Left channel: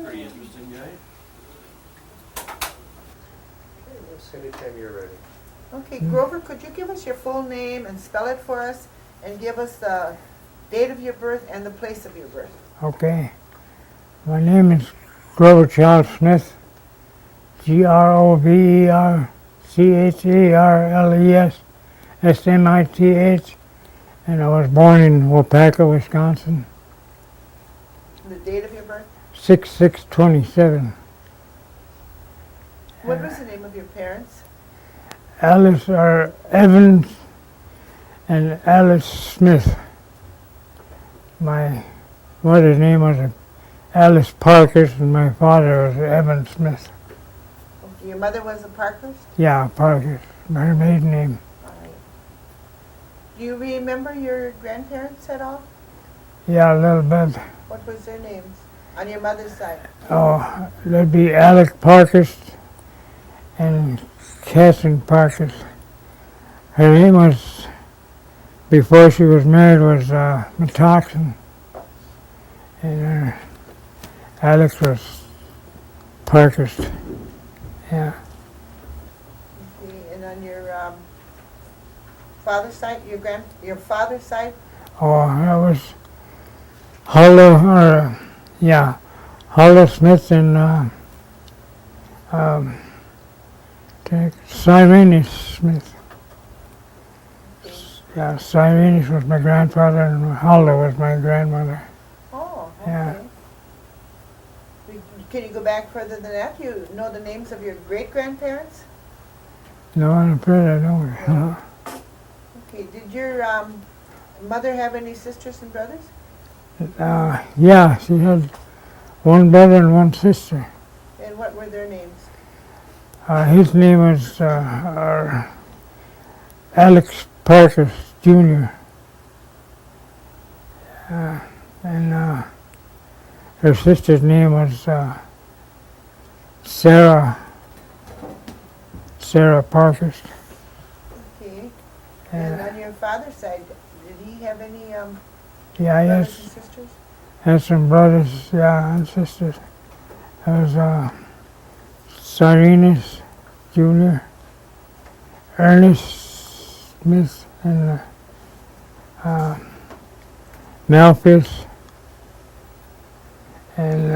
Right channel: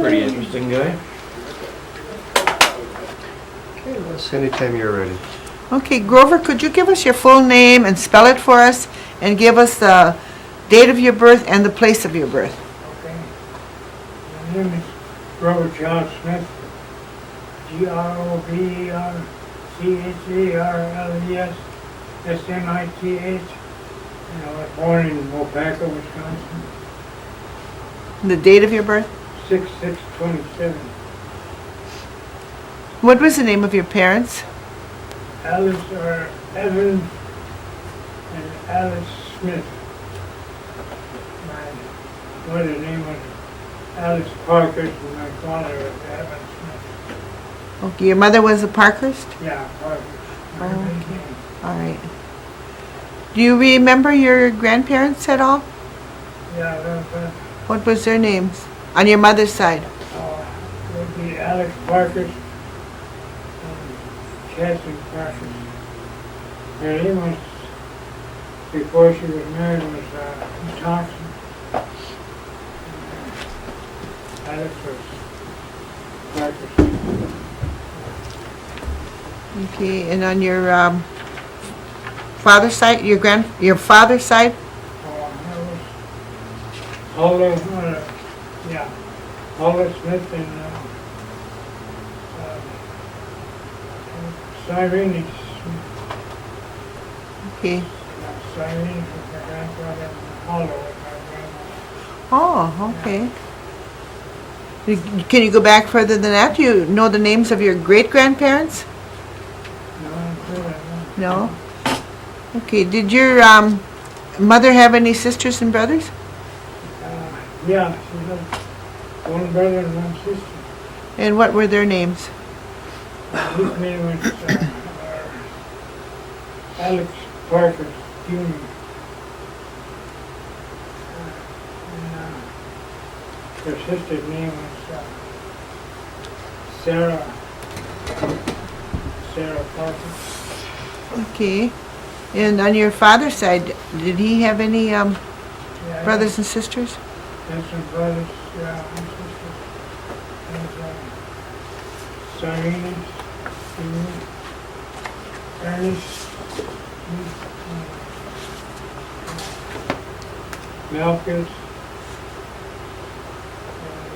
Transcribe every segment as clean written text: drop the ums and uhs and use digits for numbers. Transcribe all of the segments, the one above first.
Pretty interesting guy. Okay, Les, anytime you're ready. Okay, Grover, could you give us your full name and spell it for us, and give us the date of your birth and the place of your birth? Okay. My name is Grover Charles Smith. Grovercharles Smith, and I was born in Waupaca, Wisconsin, The date of your birth? 6/6/27. What was the name of your parents? Alice Evans and Alice Smith. My mother's name was Alice Parkhurst and my father was Evan Smith. Okay, your mother was a Parkhurst? Yeah, Parkhurst, her maiden name. All right. Do you remember your grandparents at all? Yeah, a little bit. What was their names? On your mother's side? Oh, there'd be Alex Parkhurst and Catherine Parkhurst. Her name was, before she was married, was Metoxen. And Alex was Parkhurst. Yeah. Okay, and on your father's side, your father's side? Oh, that was Huldah Smith and Cyrenius Smith. Okay. Yeah, Cyrenius was my grandfather and Huldah was my grandmother. Oh, okay. Can you go back further than that? Do you know the names of your great-grandparents? No, I'm afraid I don't. No? Okay, did your mother have any sisters and brothers? Yeah, she had one brother and one sister. And what were their names? His name was Alex Parker Jr. And her sister's name was Sarah Parker. Okay. And on your father's side, did he have any brothers and sisters? Had some brothers, yeah, and sisters. There was Cyrenius Jr., Ernest Smith, and Malthus, and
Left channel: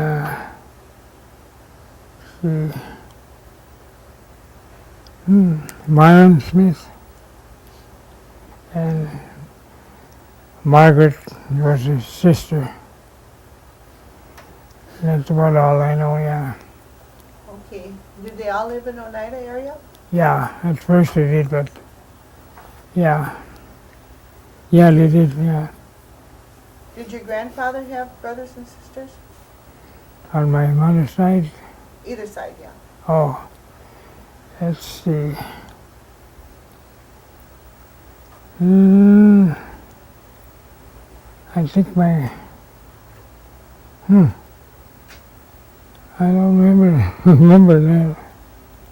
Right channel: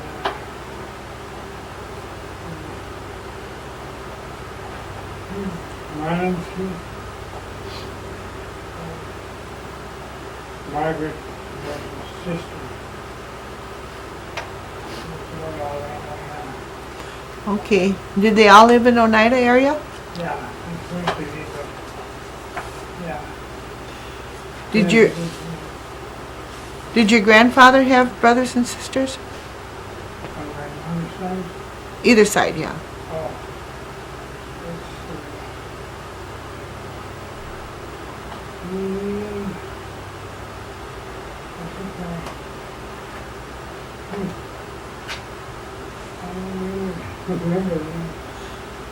Myron Smith, and Margaret was his sister. That's about all I know, yeah. Okay. Did they all live in Oneida area? Yeah, at first they did, but yeah. Did They did, yeah. Did your grandfather have brothers and sisters? On my mother's side? Either side, yeah. Oh, let's see. I think I don't remember that.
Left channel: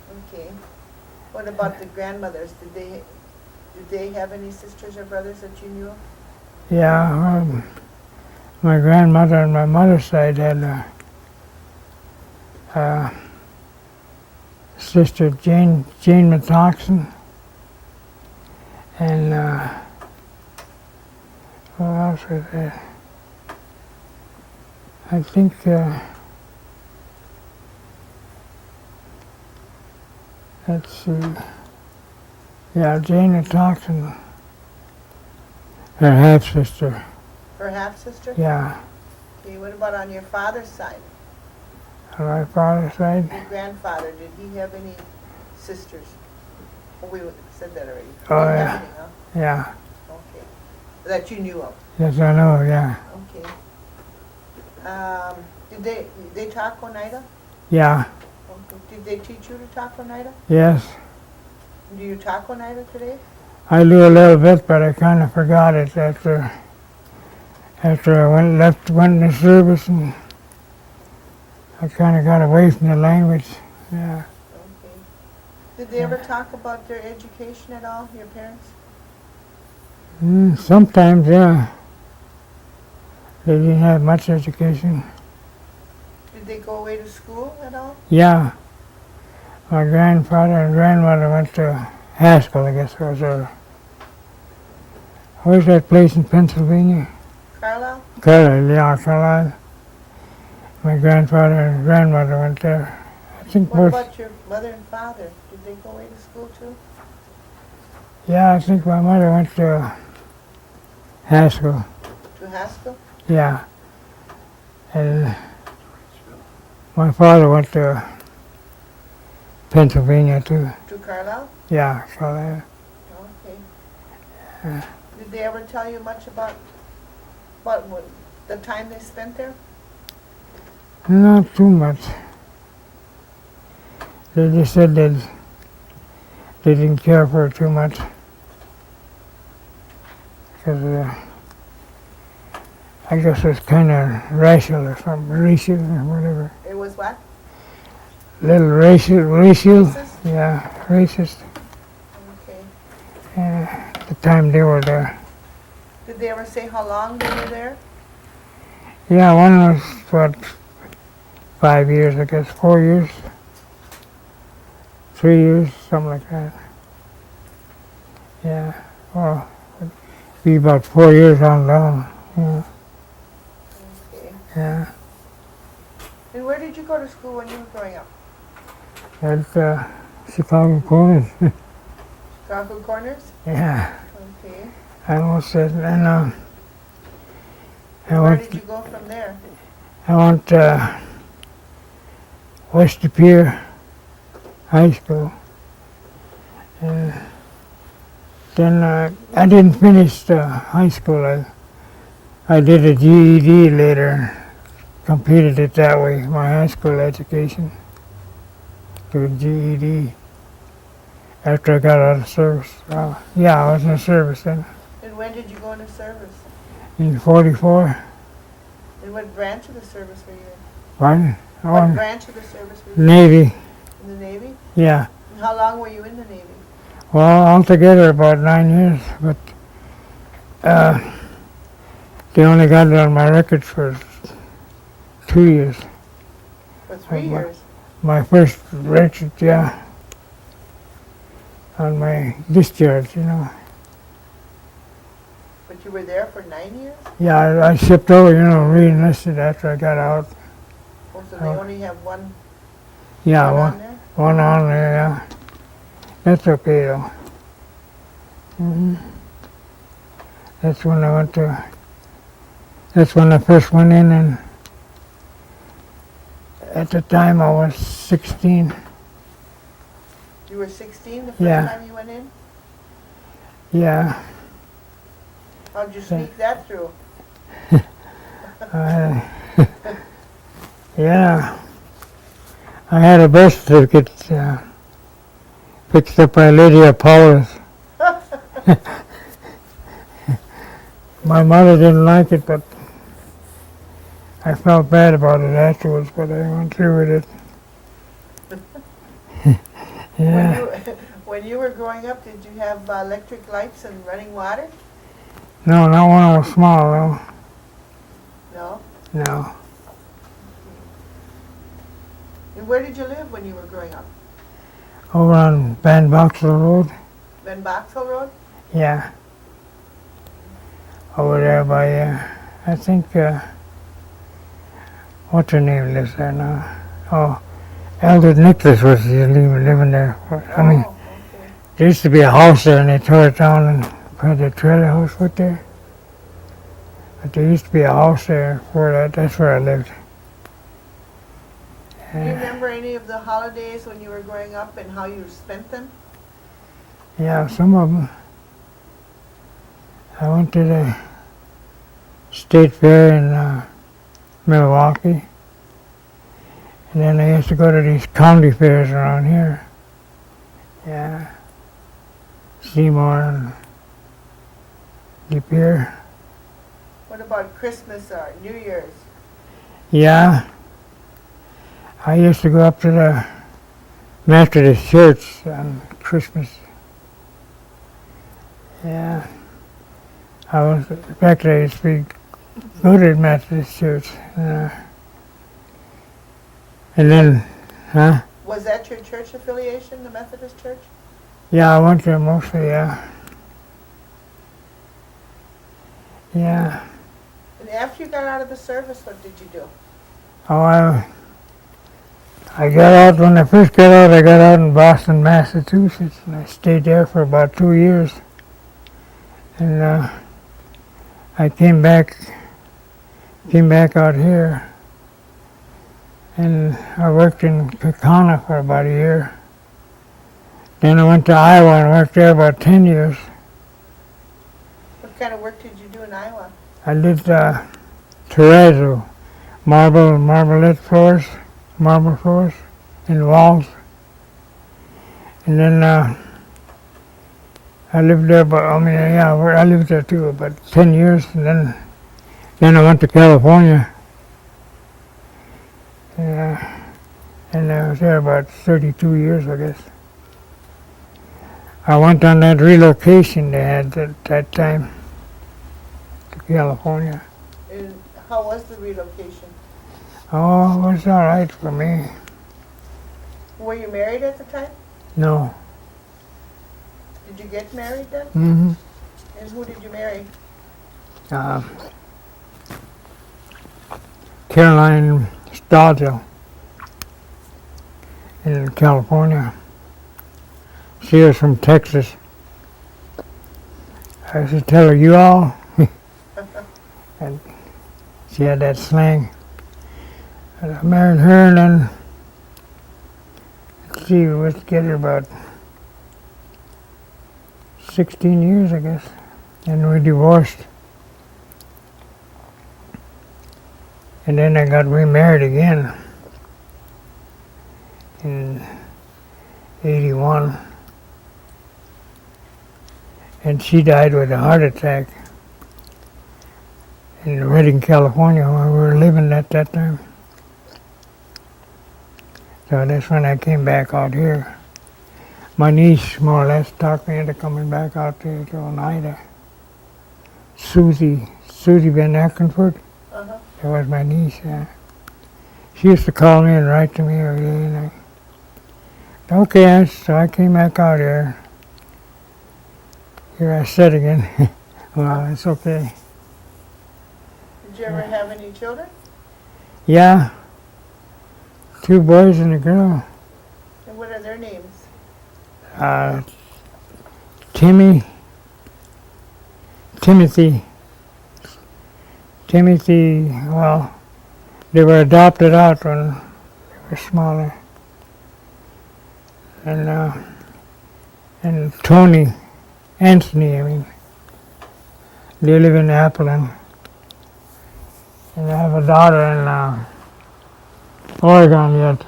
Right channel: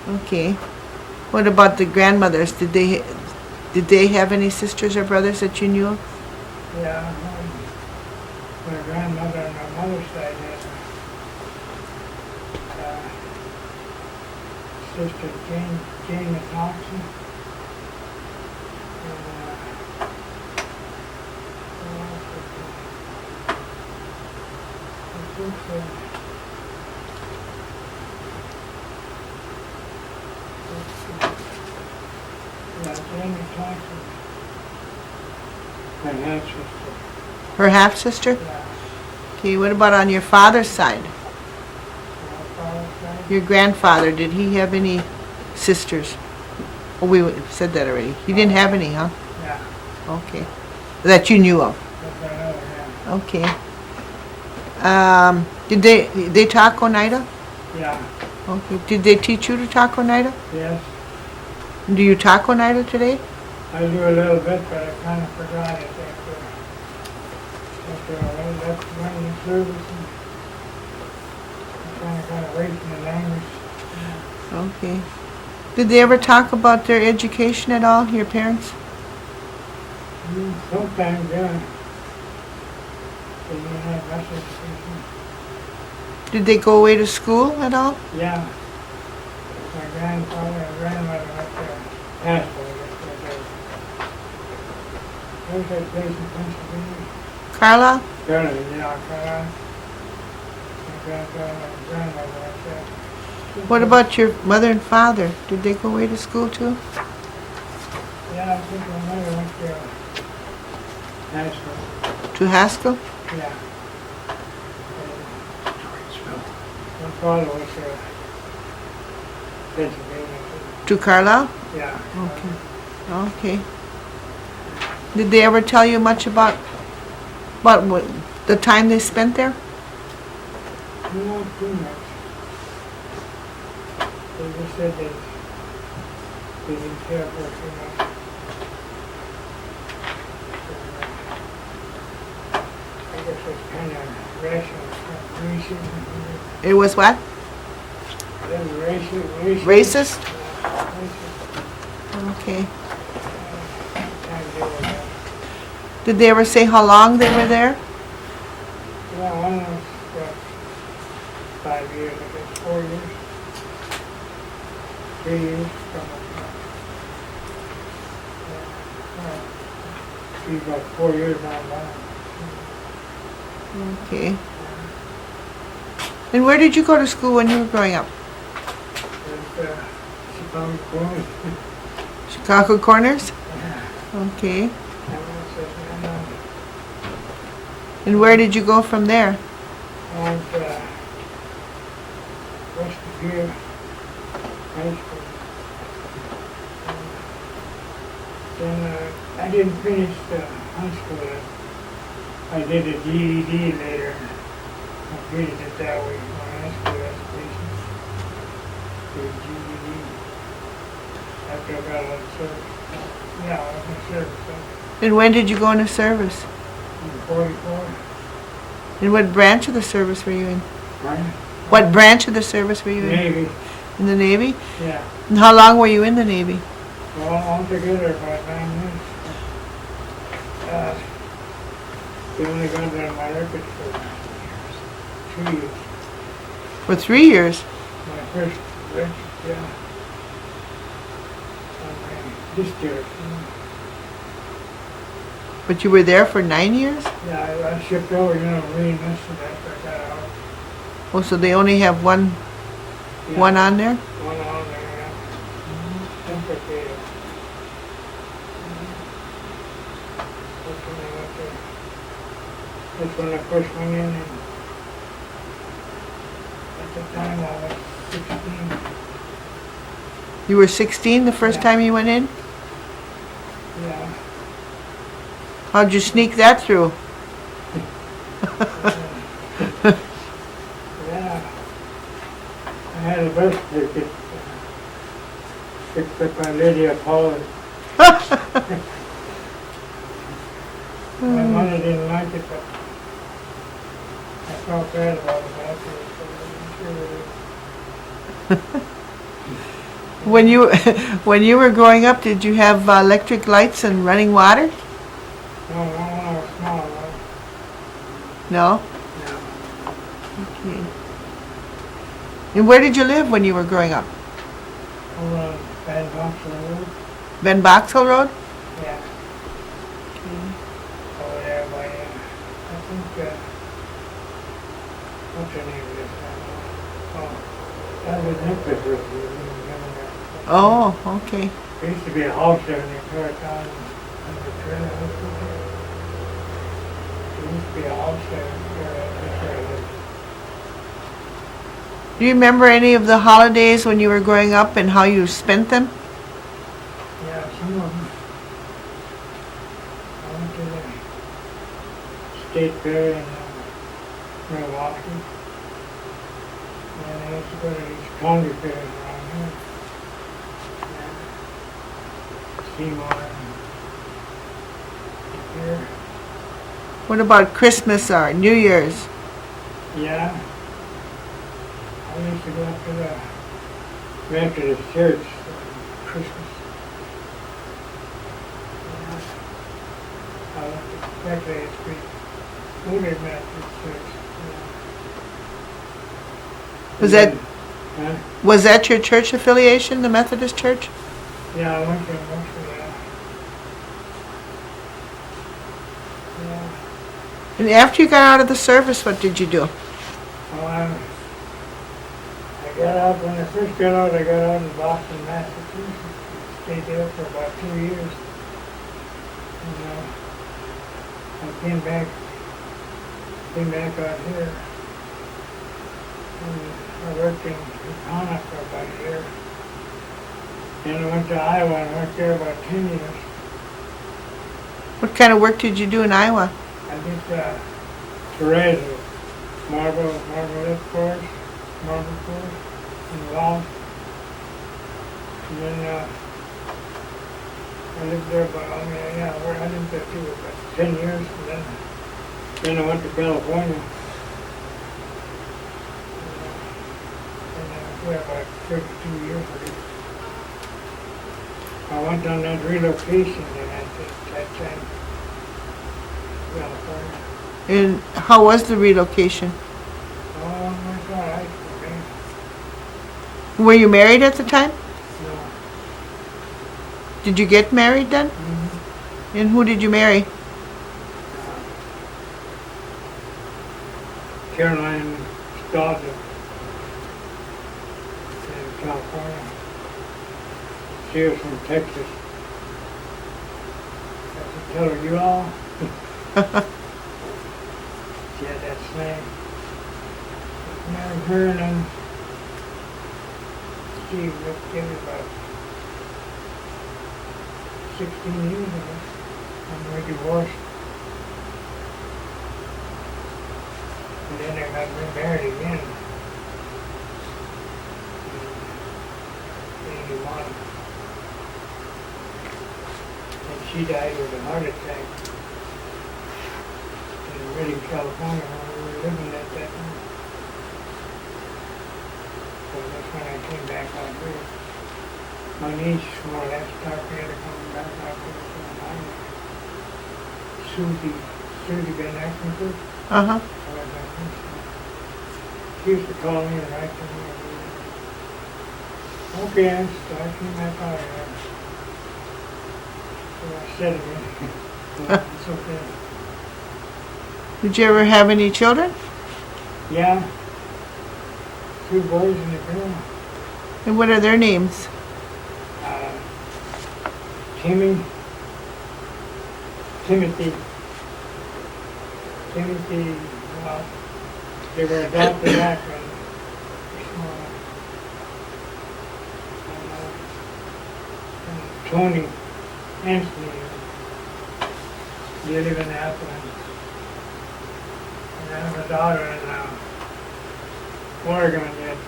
Okay. What about the grandmothers? Did they have any sisters or brothers that you knew of? Yeah, my grandmother on my mother's side had a sister, Jane Metoxen, and what else was there? I think let's see. Yeah, Jane Metoxen, her half sister. Her half-sister? Yeah, Okay, what about on your father's side? on my father's side. Your grandfather, did he have any sisters? Oh, we said that already. He Oh, didn't have yeah. any, huh? Yeah, Okay. That you knew of? yes I know. Yeah, Okay. Did they talk Oneida? yeah, Okay. Did they teach you to talk Oneida? yes. Do you talk Oneida today? I knew a little bit, but I kind of forgot it after I went in the service, and I kind of got away from the language. Yeah. Okay. Did they ever talk about their education at all, your parents? Sometimes, yeah. They didn't have much education. Did they go away to school at all? Yeah. My grandfather and grandmother went to Haskell, I guess it was. Where's that place in Pennsylvania? Carla? Carlisle, yeah, Carlisle. My grandfather and grandmother went there. What about your mother and father? Did they go away to school too? Yeah, I think my mother went to Haskell. To Haskell? Yeah. And my father went to Pennsylvania too. To Carlisle? Yeah, Carlisle. Okay. Did they ever tell you much about what the time they spent there? Not too much. They just said they didn't care for her too much. 'Cause, I guess it was kind of racial or something, racial or whatever. It was what? Little racial. Racist? Yeah, racist. Okay. The time they were there. Did they ever say how long they were there? Yeah, one was, 5 years, I guess, 4 years. 3 years, something like that. Yeah, well, be about 4 years on down. Yeah. Okay. Yeah. And where did you go to school when you were growing up? At Chicago Corners. Chicago Corners? Yeah, Okay. I almost said, and And where did you go from there? I went to West De Pere High School. And then I didn't finish the high school. I did a GED later, completed it that way, my high school education, to a GED, after I got out of service. Yeah, I was in the service then, And when did you go into service? in 44. And what branch of the service were you in? Pardon? What branch of the service were you Navy, in? In the Navy? yeah. And how long were you in the Navy? Well, altogether about 9 years, but they only got it on my records for 2 years. For 3 years? My first record, yeah, on my discharge, you know. But you were there for 9 years? Yeah, I shipped over, re-enlisted after I got out. Oh, so they only have one Yeah, on there? One on there, yeah. That's okay though. That's when I went to. That's when I first went in, and at the time I was 16. You were 16 the first Yeah. time you went in? Yeah. How'd you sneak that through? Yeah. I had a birth certificate fixed up by Lydia Paulus. My mother didn't like it, but I felt bad about it afterwards, but I went through with it. When Yeah. when you were growing up, did you have electric lights and running water? No, not when I was small, no. No? No. Okay. And where did you live when you were growing up? Over on Van Boxel Road? Ben Boxall Road? Yeah. Over there by, I think, what's her name lives there now? Oh, Elder Nicholas was living there. Oh, okay. There used to be a house there and they tore it down and had the trailer house put there. But there used to be a house there that's where I lived. Do you remember any of the holidays when you were growing up and how you spent them? Yeah, some of them. I went to the state fair in Milwaukee. Then I used to go to these county fairs around here. Yeah. Seymour, leap year. What about Christmas or New Year's? Yeah. I used to go up to the Methodist church on Christmas. Yeah. In fact, I used to be good at Methodist church. And Was then, huh? Was that your church affiliation, the Methodist Church? Yeah, I went there mostly, yeah. Yeah. And after you got out of the service, what did you do? Oh, I got out, when I first got out, I got out in Boston, Massachusetts. And I stayed there for about 2 years. And I came back out here. And I worked in Kaukauna for about a year. Then I went to Iowa and worked there about 10 years. What kind of work did you do in Iowa? I did terrazzo, marble floors in walls. And then I lived there, I lived there too, about 10 years. And then I went to California. And I was there about 32 years, I guess. I went on that relocation they had at that time to California. And how was the relocation? Oh, it was all right for me. Were you married at the time? No. Did you get married then? Mm-hmm. And who did you marry? Caroline Stadler in California. She was from Texas. I should tell her, you all. She had that slang. I married her, and then she was together about 16 years, I guess. And we divorced. And then I got remarried again in 81. And she died with a heart attack in Redding, California, where we were living at that time. So that's when I came back out here. My niece, more or less, talked me into coming back out here to Oneida. Susie Van Ackenford. Uh-huh. That was my niece, yeah. She used to call me and write to me every day. Okay, so I came back out here. Here I said again. Well, it's okay. Did you ever have any children? Yeah. 2 boys and a girl. And what are their names? Timothy, well, they were adopted out when they were smaller. And Tony, Anthony, they live in Appleton. And I have a daughter in Oregon yet.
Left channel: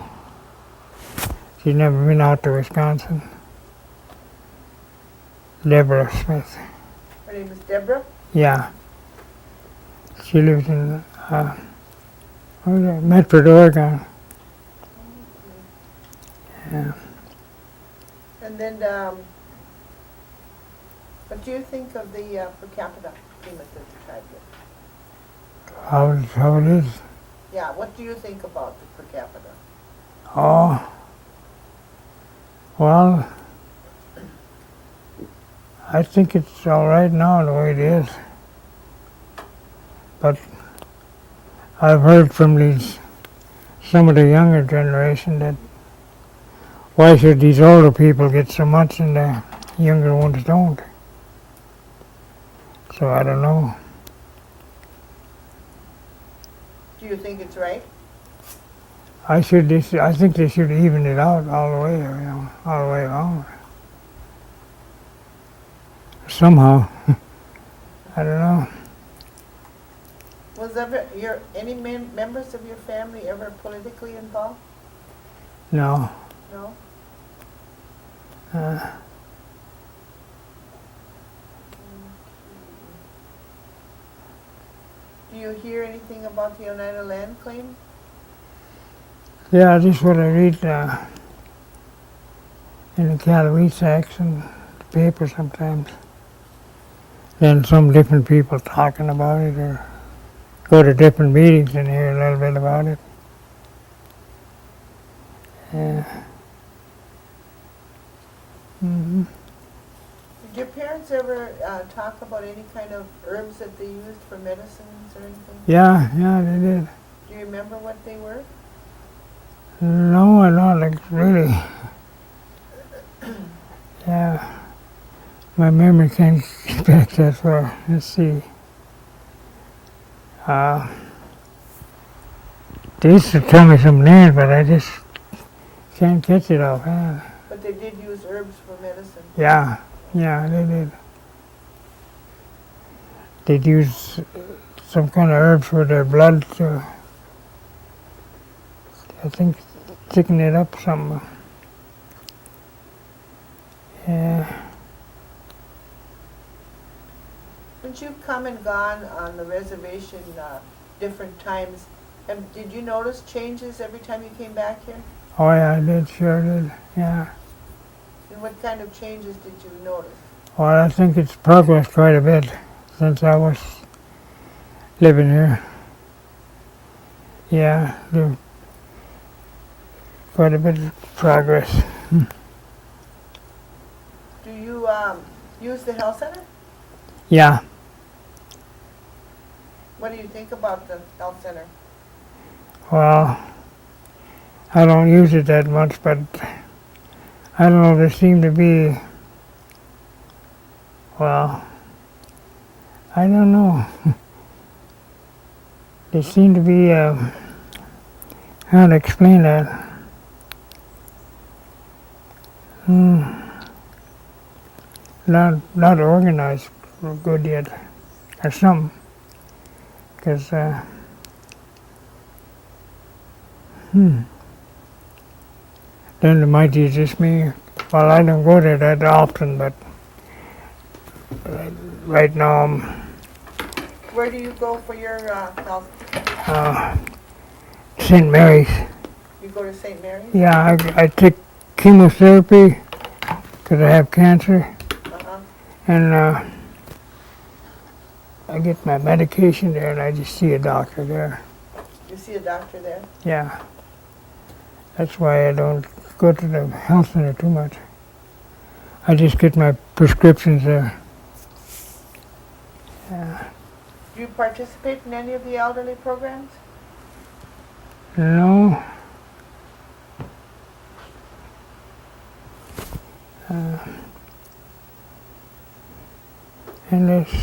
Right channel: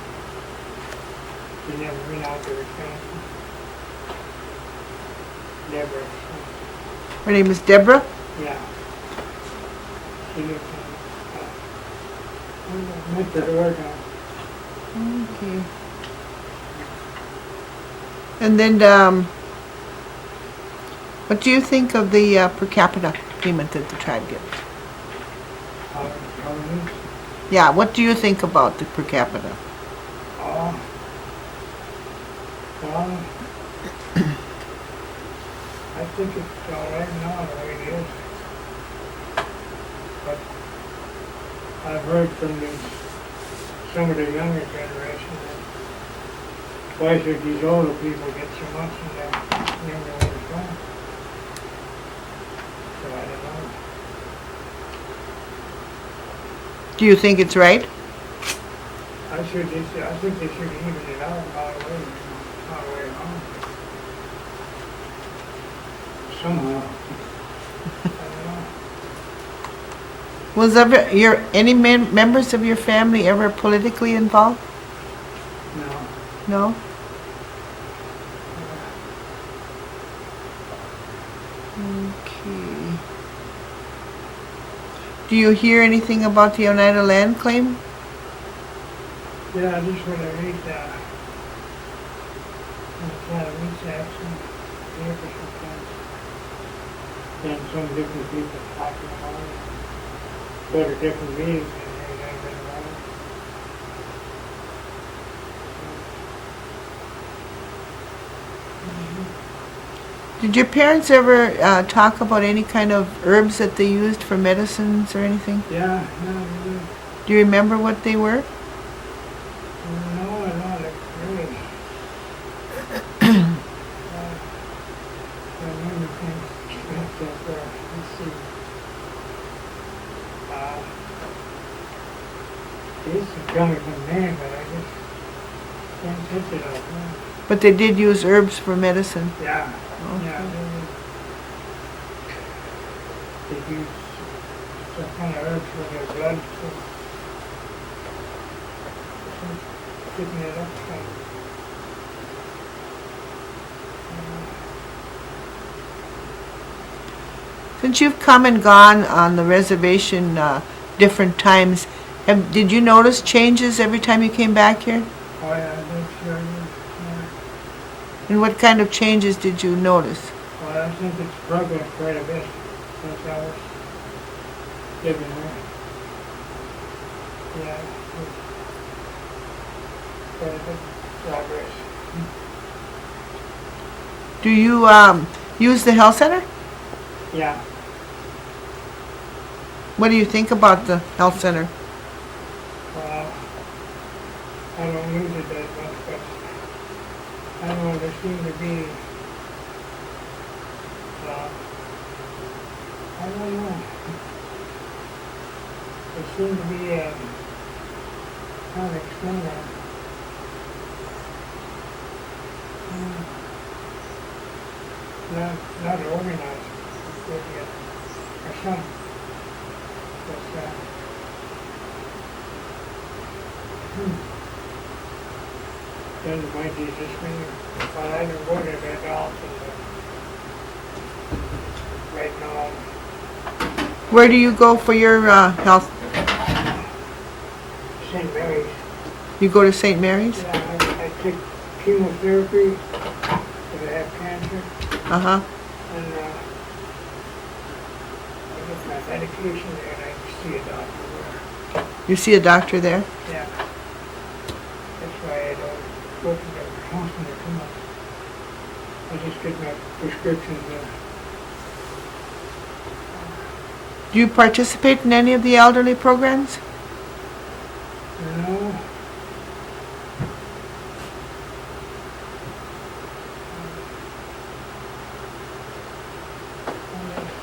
She's never been out to Wisconsin. Deborah Smith. Her name is Deborah? Yeah. She lives in Medford, Oregon. Okay. Yeah. And then, what do you think of the per capita payment that the tribe gets? How it is? Yeah, what do you think about the per capita? Oh. Well, I think it's all right now the way it is. But I've heard from some of the younger generation that why should these older people get so much and the younger ones don't? So I don't know. Do you think it's right? I think they should even it out all the way, all the way along. Somehow. I don't know. Was any members of your family ever politically involved? No. No? Okay. Do you hear anything about the Oneida land claim? Yeah, this is what I read in the Calaveras and paper sometimes. And some different people talking about it, or go to different meetings and hear a little bit about it. Yeah. Did your parents ever talk about any kind of herbs that they used for medicines or anything? Yeah, they did. Do you remember what they were? No, I don't like really. Yeah. My memory thinks back that far. Let's see. They used to tell me some names, but I just can't catch it all. But they did use herbs for medicine. Yeah, they did. They'd use some kind of herbs for their blood to, I think, thicken it up some. Yeah. Since you've come and gone on the reservation different times, did you notice changes every time you came back here? Oh yeah, I did, sure did. Yeah. And what kind of changes did you notice? Well, I think it's progressed quite a bit since I was living here. Yeah, quite a bit of progress. Do you use the health center? Yeah. What do you think about the health center? Well, I don't use it that much, but I don't know, there seem to be, well, I don't know. There seem to be, how to explain that? Not organized good yet, or something. Because, then it might be just me. Well, I don't go there that often, but right now I'm Where do you go for your health? St. Mary's. You go to St. Mary's? Yeah, I take chemotherapy because I have cancer, Uh-huh. and I get my medication there, and I just see a doctor there. You see a doctor there? Yeah. That's why I don't go to the health center too much. I just get my prescriptions there. Do you participate in any of the elderly programs? No. And it's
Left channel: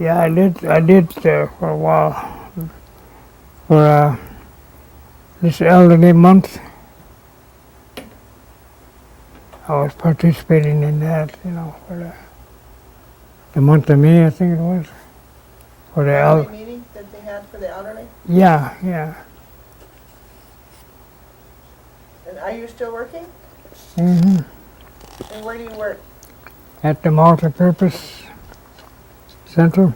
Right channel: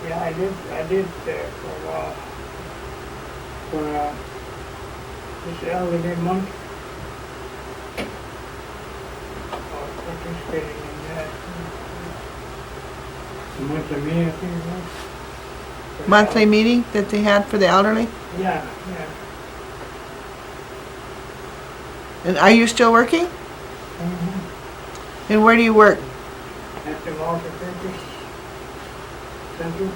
yeah, I did for a while for this elderly month. I was participating in that, for the month of May, I think it was. For the Monthly meeting that they had for the elderly? Yeah. And are you still working? Mm-hmm. And where do you work? At the multi-purpose center,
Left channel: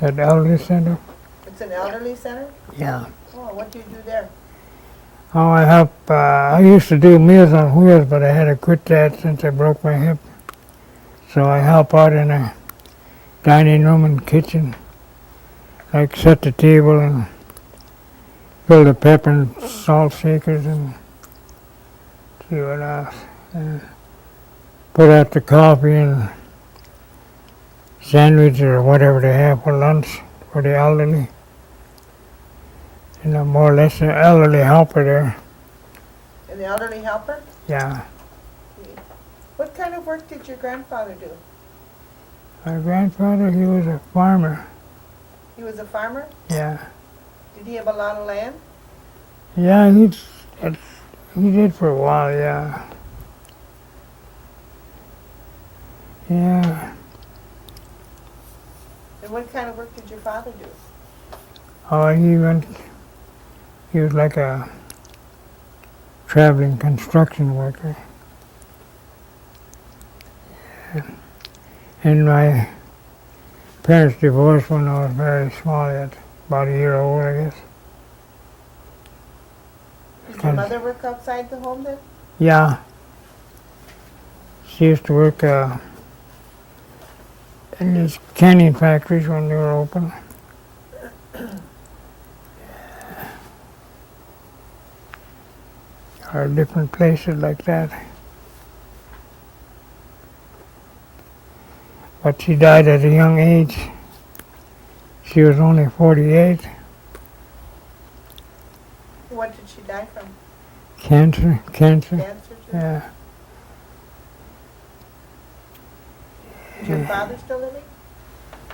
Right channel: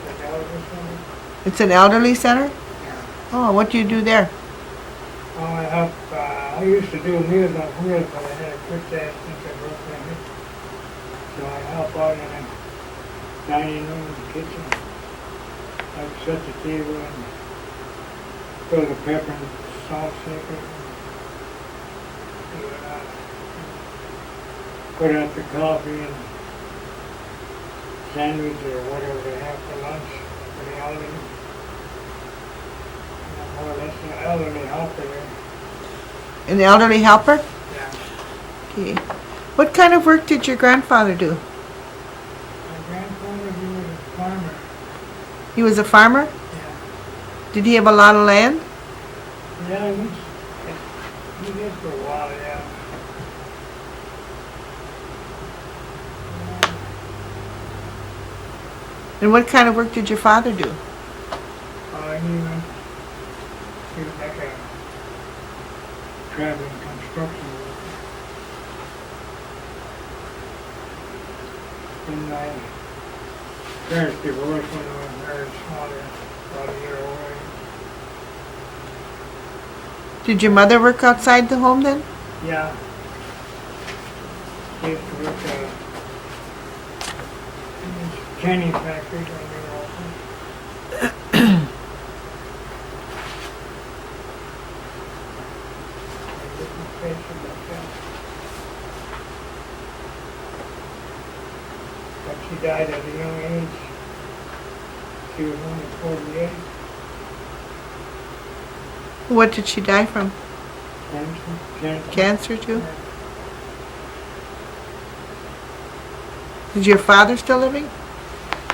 that elderly center. It's an elderly center? Yeah. Oh, what do you do there? Oh, I help, I used to do Meals on Wheels, but I had to quit that since I broke my hip. So I help out in a dining room and kitchen. Like set the table and fill the pepper and salt shakers and do what else. And put out the coffee and sandwich or whatever they have for lunch for the elderly. And I'm more or less an elderly helper there. An elderly helper? Yeah. Okay. What kind of work did your grandfather do? My grandfather, he was a farmer. He was a farmer? Yeah. Did he have a lot of land? Yeah, he did for a while, yeah. Yeah. And what kind of work did your father do? Oh, he was like a traveling construction worker. And my parents divorced when I was very small, about a year old, I guess. Did your mother work outside the home then? Yeah. She used to work in these canning factories when they were open. Or different places like that. But she died at a young age. She was only 48. What did she die from? Cancer. Cancer too? Yeah. Is your father still living?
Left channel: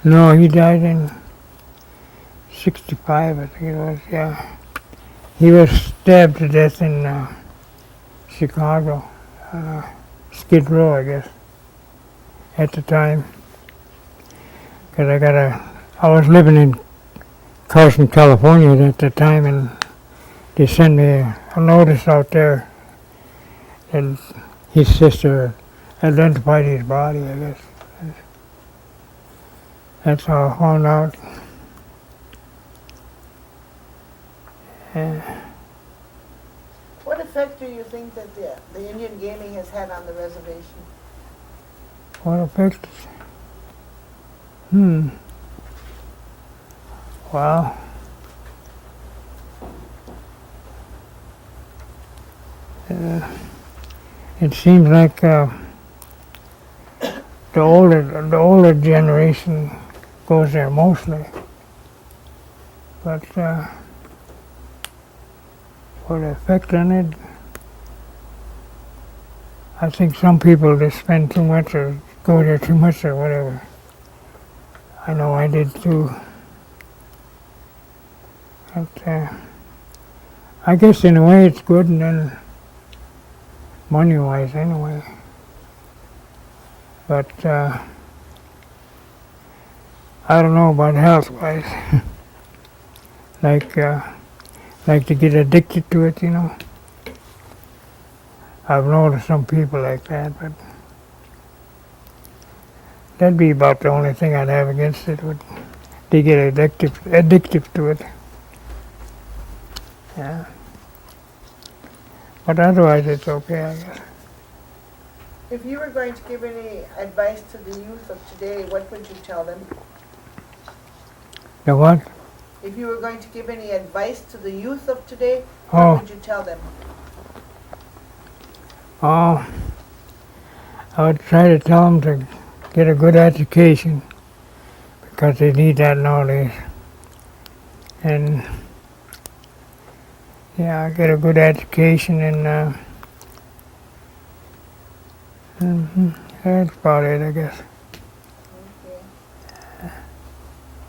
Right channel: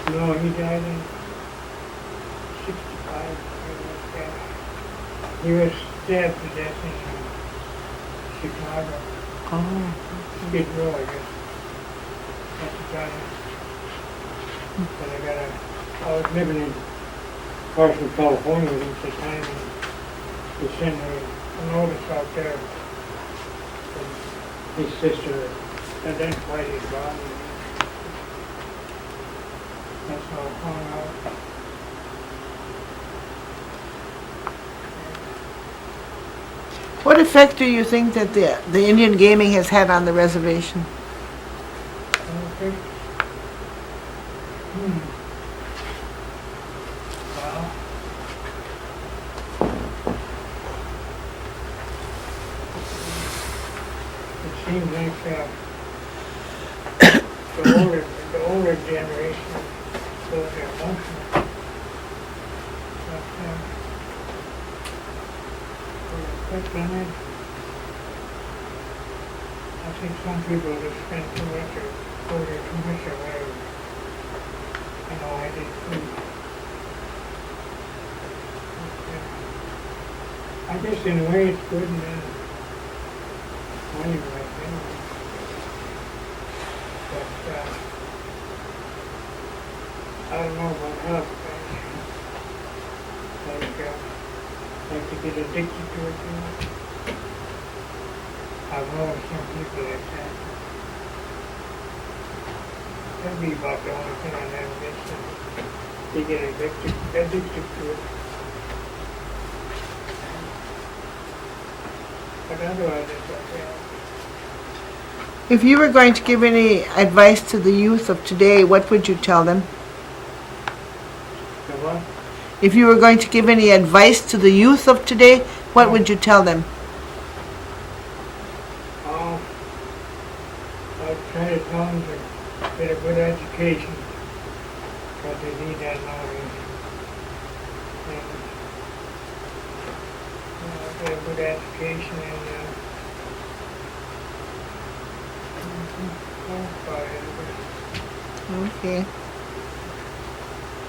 No, he died in 65, I think it was, yeah. He was stabbed to death in Chicago. Skid Row, I guess, at the time. Because I was living in Carson, California at the time, and they sent me a notice out there, and his sister identified his body, I guess. That's how I found out. And What effect do you think that the Indian gaming has had on the reservation? what effect? Well, it seems like the older generation goes there mostly. But for the effect on it, I think some people just spend too much or go there too much or whatever. I know I did too. But I guess in a way it's good, and then money-wise anyway. But I don't know about health-wise. like to get addicted to it, you know. I've noticed some people like that, but that'd be about the only thing I'd have against it. Would they get addictive to it. Yeah. But otherwise it's okay, I guess. If you were going to give any advice to the youth of today, what would you tell them? The what? If you were going to give any advice to the youth of today, what Oh. would you tell them? Oh, I would try to tell them to get a good education, because they need that nowadays. And yeah, get a good education, and that's about it, I guess. Okay.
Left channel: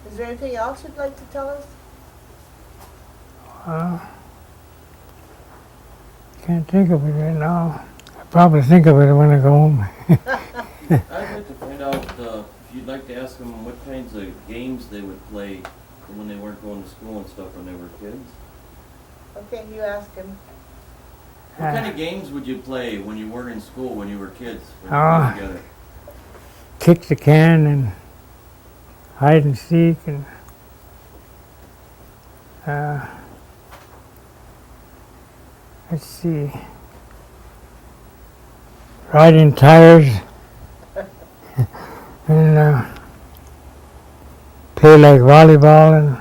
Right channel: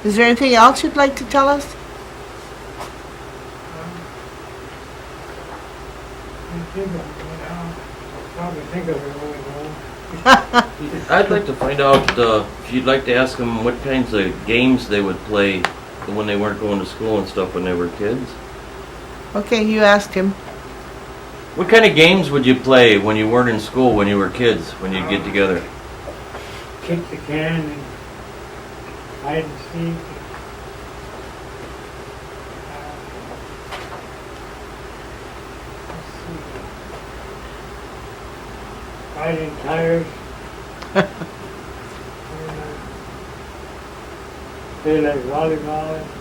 Is there anything else you'd like to tell us? Can't think of it right now. Probably think of it when I go home. I'd like to find out if you'd like to ask them what kinds of games they would play when they weren't going to school and stuff when they were kids. Okay, you asked him. What kind of games would you play when you weren't in school when you were kids, when you'd get together? Kick the can and hide and seek, and let's see, riding tires, and play like volleyball and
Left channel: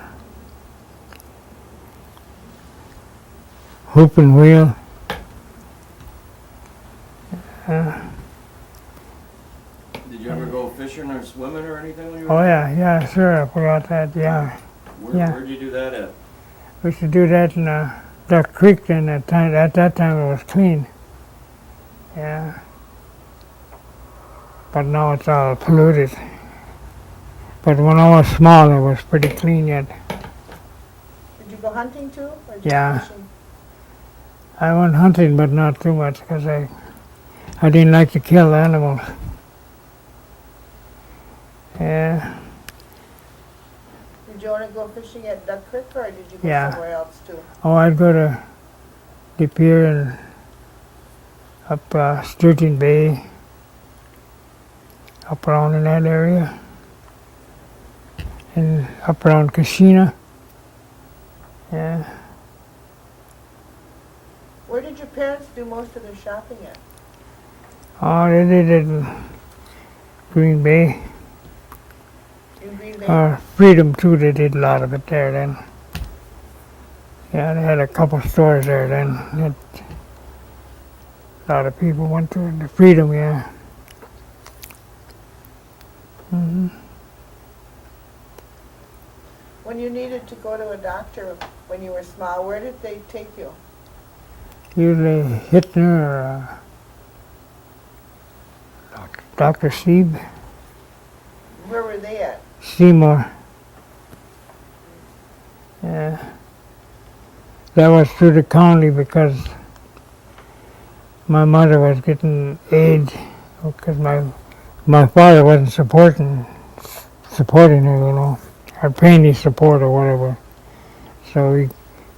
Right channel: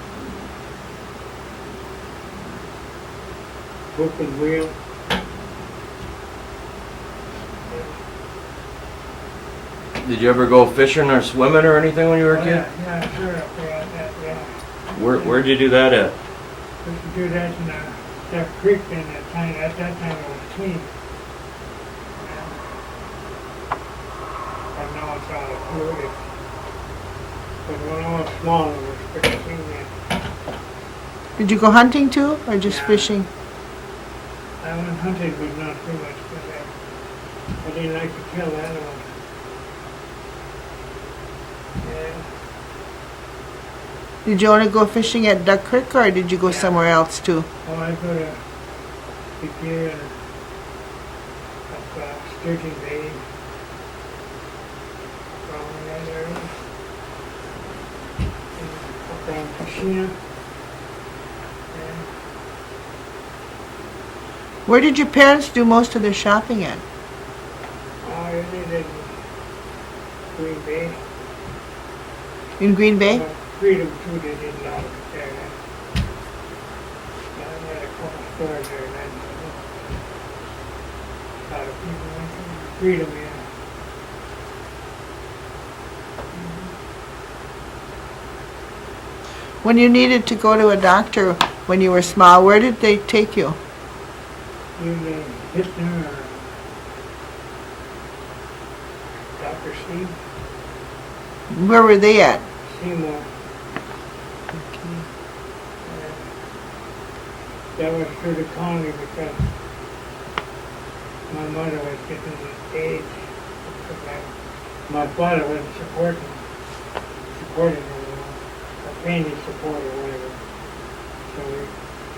hoop and wheel. Did you ever go fishing or swimming or anything when you were a Oh kid? yeah, sure, I forgot that, yeah. Yeah. Where'd you do that at? We used to do that in Duck Creek, and at that time it was clean. Yeah. But now it's all polluted. But when I was small, it was pretty clean yet. Did you go hunting too, or just Yeah. fishing? I went hunting, but not too much, because I didn't like to kill animals. Yeah. Did you only go fishing at Duck Creek, or did you go Yeah. somewhere else too? Oh, I'd go to Superior and up Sturgeon Bay. up around in that area, and up around Casino. Yeah. Where did your parents do most of their shopping at? Oh, they did it in Green Bay. In Green Bay? Freedom too, they did a lot of it there then. Yeah, they had a couple stores there then. A lot of people went to the Freedom, yeah. Hmm. When you needed to go to a doctor when you were small, where did they take you? Usually Hitler or Dr. Sieb, Where were they at? Seymour. Yeah. That was through the county because my mother was getting AIDS because my father wasn't supporting her, you know, or paying his support or whatever. So we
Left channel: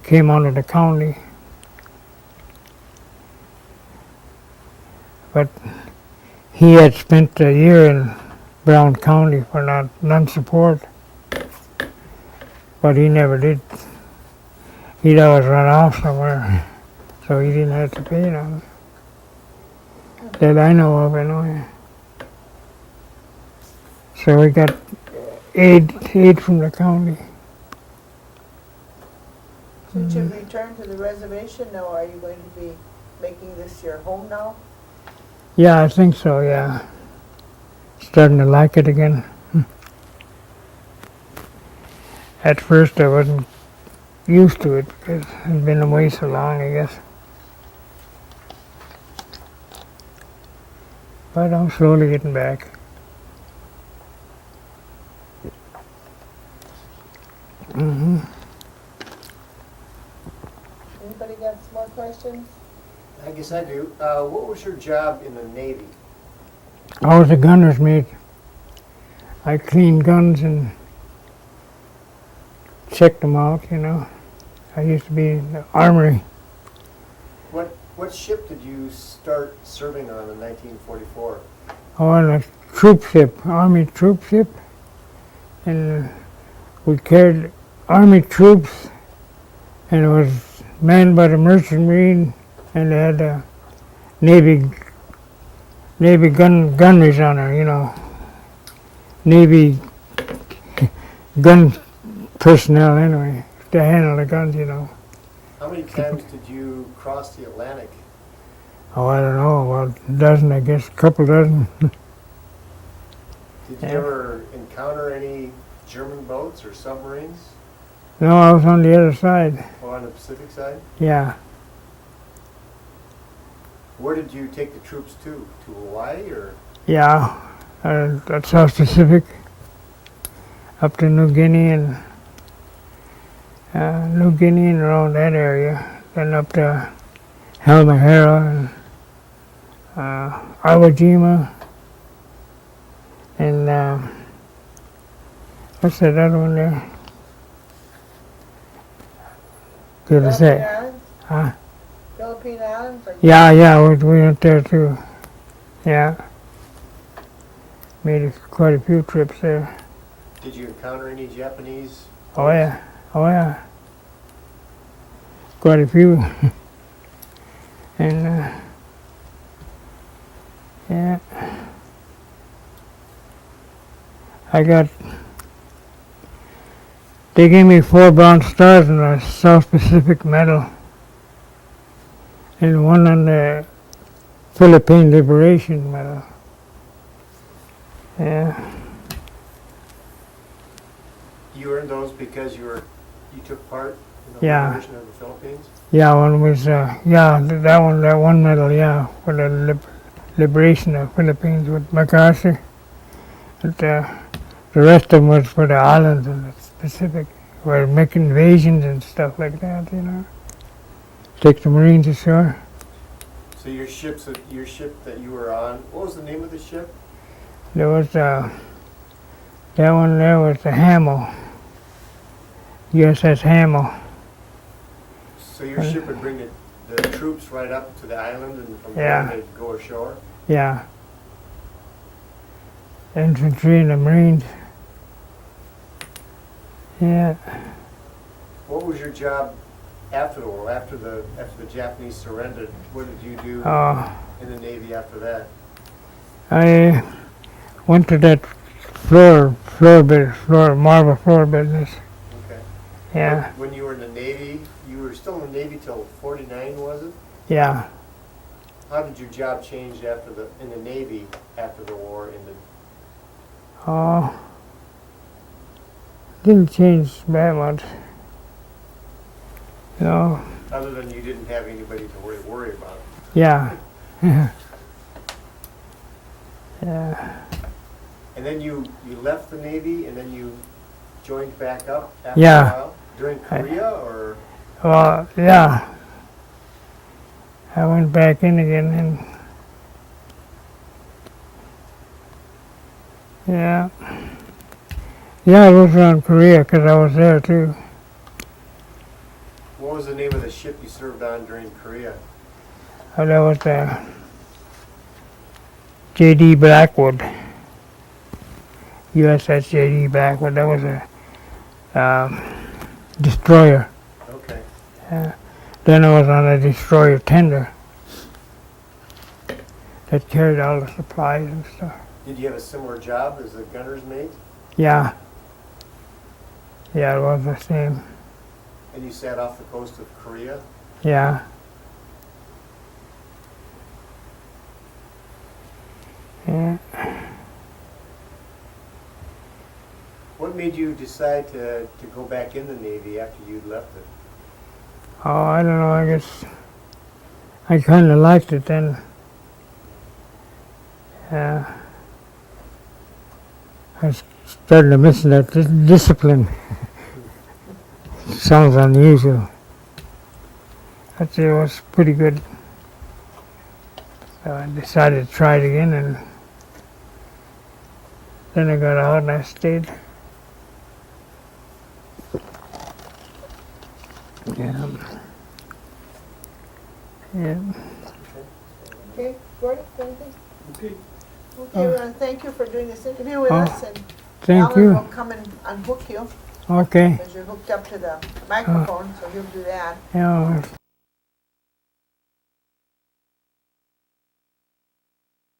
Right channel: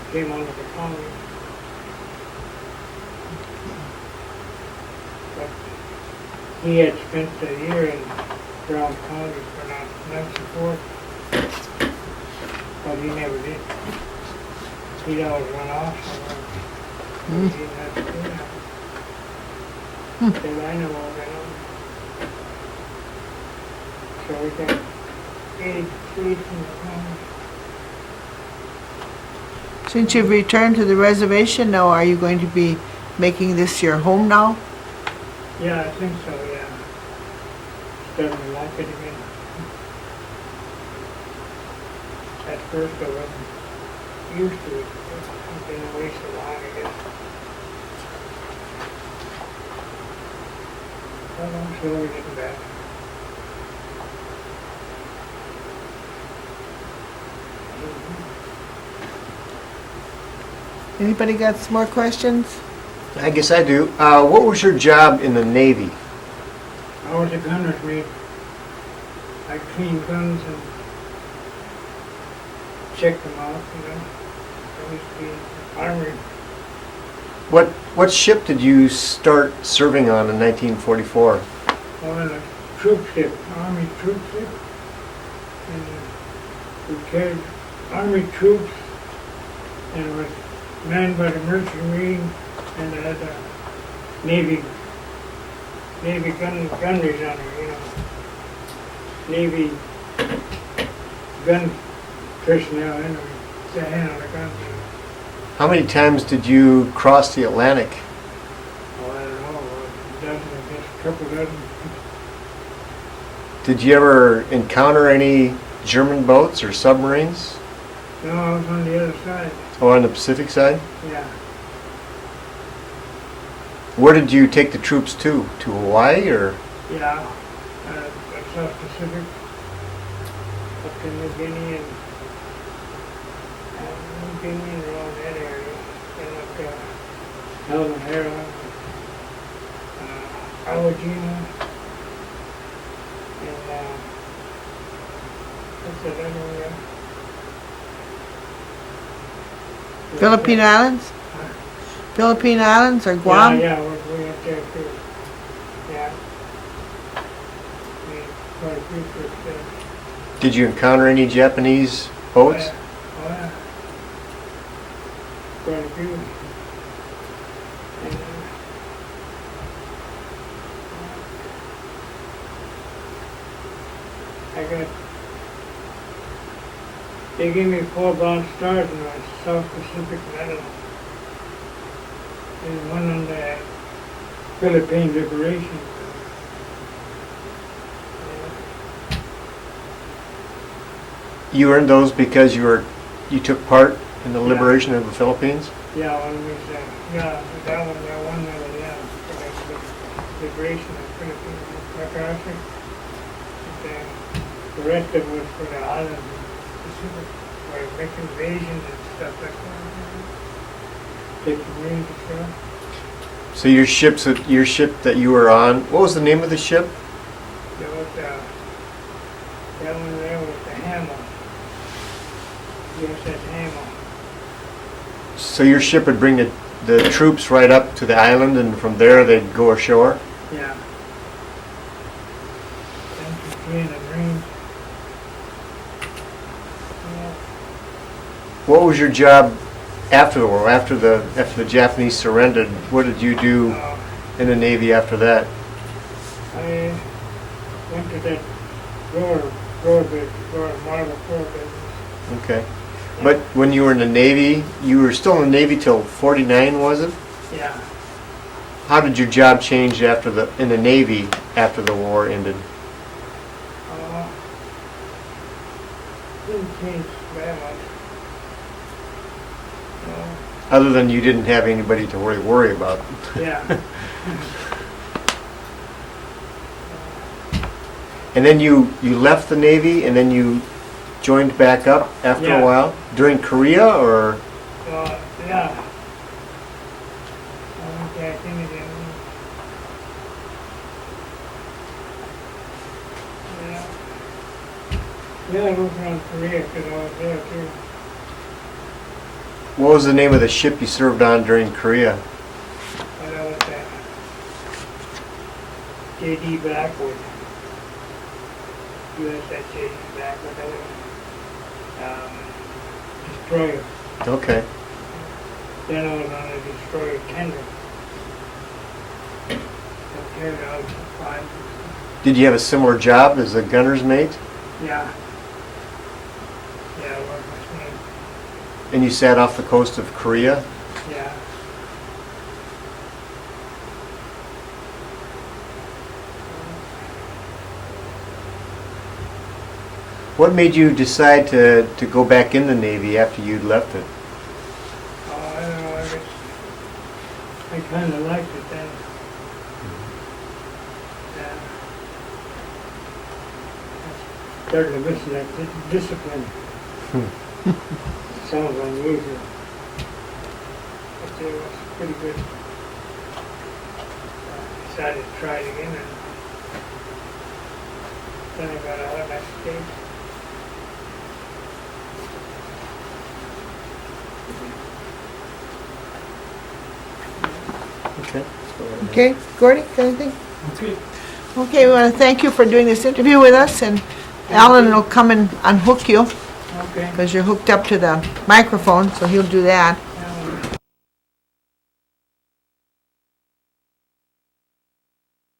came under the county. But he had spent a year in Brown County for non-support, but he never did. He'd always run off somewhere, so he didn't have to pay them. That I know of, anyway. So we got aid from the county. Since you've returned to the reservation now, are you going to be making this your home now? Yeah, I think so, yeah. Starting to like it again. At first I wasn't used to it because I've been away so long, I guess. But I'm slowly getting back. Mm-hmm. Anybody got some more questions? I guess I do. What was your job in the Navy? I was a gunner's mate. I cleaned guns and checked them out, you know. I used to be in the armory. What ship did you start serving on in 1944? On a troop ship, army troop ship. And we carried army troops, and it was manned by the merchant marine, and they had a Navy gunneries on her, you know. Navy gun personnel anyway, to handle the guns, you know. How many times did you cross the Atlantic? Oh, I don't know, about a dozen, I guess, a couple dozen. Did you ever encounter any German boats or submarines? No, I was on the other side, Or on the Pacific side? yeah. Where did you take the troops to? To Hawaii or? Yeah, that's South Pacific, up to New Guinea and around that area, then up to Halmahera and Iwo and what's that other one there? Did I say- Philippine Islands? Huh? Philippine Islands or Guam? Yeah, we went there too. Yeah. Made quite a few trips there. Did you encounter any Japanese Oh boats? yeah, oh yeah. Quite a few. And yeah. They gave me 4 bronze stars and a South Pacific Medal. And one on the Philippine Liberation Medal. Yeah. You earned those because you took part in the Yeah. liberation of the Philippines? Yeah, one was, that one medal, yeah, for the liberation of Philippines with McLester. But the rest of them was for the islands in the Pacific, for making invasions and stuff like that, you know. Take the Marines ashore. So your ship that you were on, what was the name of the ship? There was, that one there was the Hamel. USS Hamel. So your ship would bring the troops right up to the island, and from there Yeah. they'd go ashore? Yeah. infantry and the Marines. Yeah. What was your job after the war? After the Japanese surrendered, what did you do in the Navy after that? I went to that marble floor business. Okay. Yeah. But when you were in the Navy, you were still in the Navy till 49, was it? Yeah. How did your job change in the Navy after the war ended? Oh, didn't change that much. No. Other than you didn't have anybody to worry about. Yeah. Yeah. And then you left the Navy and then you joined back up after Yeah. a while? During Korea or? Yeah. I went back in again and yeah. Yeah, I was around Korea because I was there too. What was the name of the ship you served on during Korea? Oh, that was J.D. Blackwood. USS J.D. Blackwood. That was a destroyer. Okay. Then I was on a destroyer tender that carried all the supplies and stuff. Did you have a similar job as a gunner's mate? Yeah. Yeah, it was the same. And you sat off the coast of Korea? Yeah. Yeah. What made you decide to go back in the Navy after you'd left it? Oh, I don't know, I guess I kind of liked it then. Yeah. I started to miss that discipline. Sounds unusual. But it was pretty good. So I decided to try it again, and then I got out and I stayed. Yeah. Okay. Okay, Gordy, anything? Okay. Okay, we want to thank you for doing this interview with us, and Thank Alan you. will come and unhook you Okay. because you're hooked up to the microphone, so he'll do that. Yeah.